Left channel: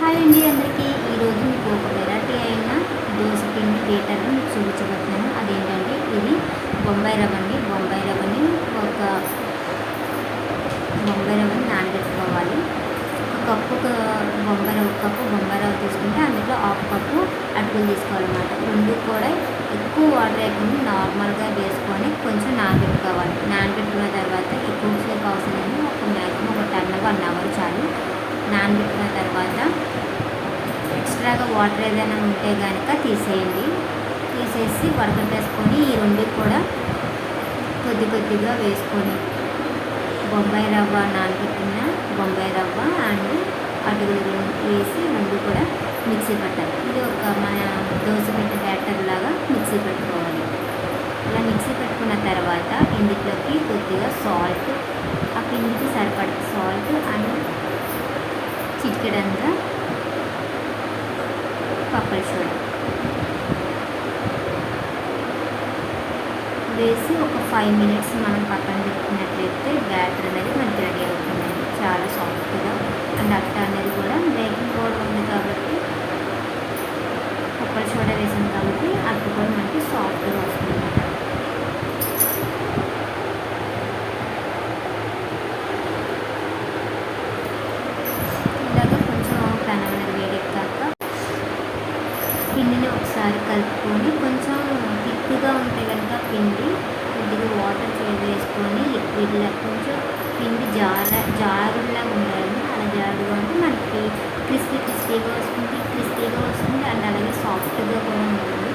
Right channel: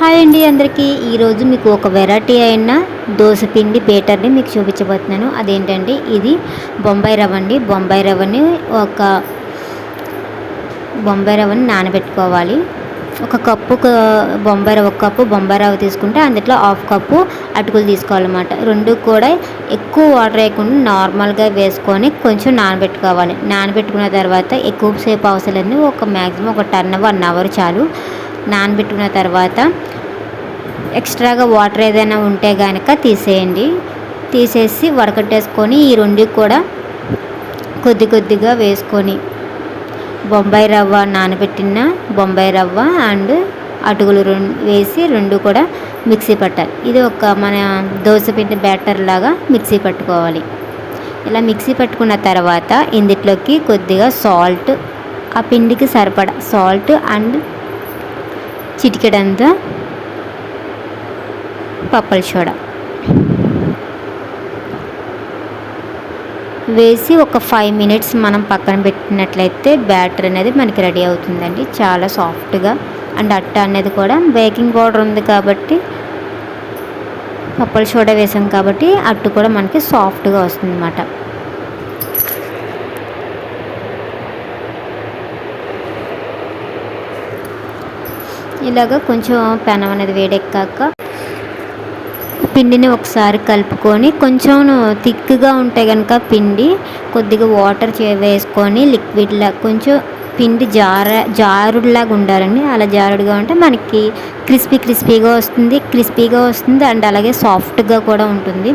Hi అండి అందరికీ. ఈరోజు మీకు ఒక వెరైటీ అయిన దోశ పిండి పేటర్ని మీకు చూపించబోతున్నాను. అదేంటంటే ఇది బొంబాయి రవ్వ అండి. బొంబాయి రవ్వని ఒక బొంబాయి రవ్వని నానబెట్టుకోవాలి. ఒక కప్పు బొంబాయి రవ్వ ఒక కప్పు బొంబాయి రవ్వ తీసుకుంటే అందులో హాఫ్ కప్పు అటుకులు తీసుకోవాలన్నమాట. రెండు కూడా ఎక్కువ వాటర్ వేయకుండా నార్మల్గా వేసుకొని కొంచెం నానబెట్టుకోవాలి. నానబెట్టుకున్న తర్వాత ఎక్కువసేపు అవసరం లేదు ఒక మ్యాక్సిమం ఒక టర్న్ వన్ అవర్ చాలు. నానబెట్టుకున్న తర్వాత ఎక్స్ట్రాగా వాటర్ ఏదైనా ఉంటే కనుక తీసేయండి. తీసేసి వడకట్టేసుకొని ఈ రెండు కూడా కొద్ది కొద్దిగా వేసుకొని బొంబాయి రవ్వ నానబెట్టిన బొంబాయి రవ్వ అండ్ అటుకులు రెండు వేసి రెండు కూడా మిక్సీ పట్టాలి. ఇది ఒక మన దోశ పిండి బ్యాటర్ లాగా మిక్సీ పట్టుకోవాలి. ఇలా మిక్సీ పట్టుకున్న తర్వాత ఇందులోకి కొద్దిగా సాల్ట్ ఆ పిండికి సరిపడా సాల్ట్ అండ్ చిటికెడంత పప్పల సోడా. వేసి ఒక ఫైవ్ మినిట్స్ మనం పక్కన పెట్టినట్లయితే బ్యాటర్ అనేది మనకి రెడీ అవుతుందండి. చాలా సాఫ్ట్గా. అండ్ అట్ట అనేది కూడా బేకింగ్ పౌడర్ ఉంది కాబట్టి పప్పల సోడా వేసాం కాబట్టి అట్టు కూడా మనకి సాఫ్ట్గా వస్తుంది అన్నమాట ఇలాగ కొంచెం పెనం అనేది వేడెక్కాక పిండిని ఒకసారి కలుపుకొని కొంచెం థిక్గా ఉంటే కనుక పిండి కొద్దిగా వాటర్ వేసుకొని లిక్విడ్లా కొంచెం పిండి జార జారుడులాగా ఉండాలండి. అలా జారుడుగా ఉంటే మనకి క్రిస్పీ క్రిస్పీగా వస్తుంది క్రిస్పీగా వస్తుంది అండ్ అలాగే సాఫ్ట్గా కూడా ఉంటుంది.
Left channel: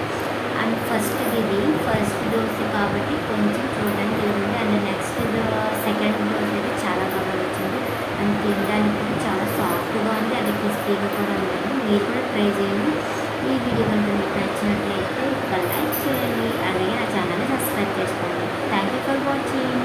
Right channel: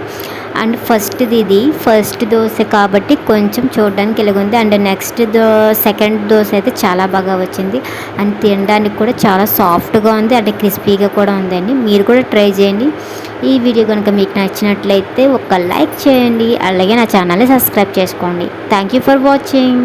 అండ్ ఫస్ట్ది ఇది ఫస్ట్ దోశ కాబట్టి కొంచెం చూడడానికి ఇలాగుంది and next the second dosa అయితే చాలా బాగా వచ్చింది. అండ్ తినడానికి కూడా చాలా సాఫ్ట్గా ఉంది అంటే క్రిస్పీగా కూడా ఉందండి. మీరు కూడా ట్రై చేయండి. ఈ వీడియో కనుక మీకు నచ్చినట్లయితే ఒక లైక్ చేయండి. అలాగే నా ఛానల్ని సబ్స్క్రైబ్ చేసుకోండి. Thank you for watching